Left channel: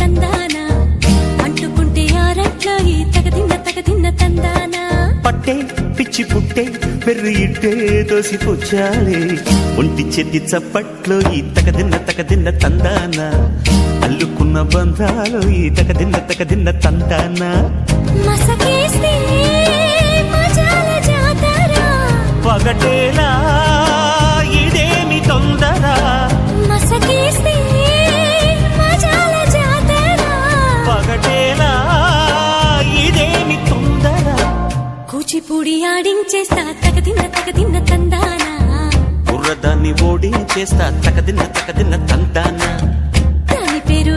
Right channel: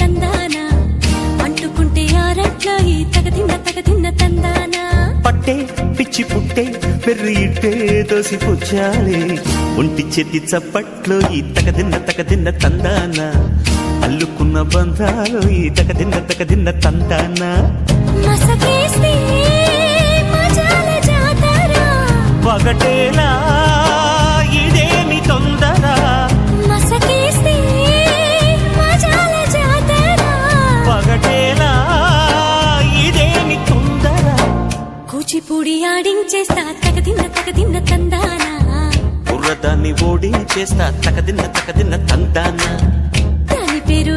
తందానా అంటుకుంటే ఆరట్లా ఈ తగదిన్న తందానా పట్టే పిచ్చి పుట్టే పెర్రి ఇట్టే దోసిపుచ్చాలే ఒంటి చేతి చప్పట్లో ఈ తగదిన్న తందానా అల్లుకున్న బంధాలు ఈ తగదిన్న తందానా మసకేస్తే మజాల జాతర పగటేలా ఇదేమి తొందర మసకేస్తే మజాల జాతర పగటేలా ఇదేమి తొందర కూచిపూడి ఆడించేస్తా తగదిన్న తందానా బుర్రదాన్ని ఓడించేస్తా తగదిన్న తందానా దాని పేరు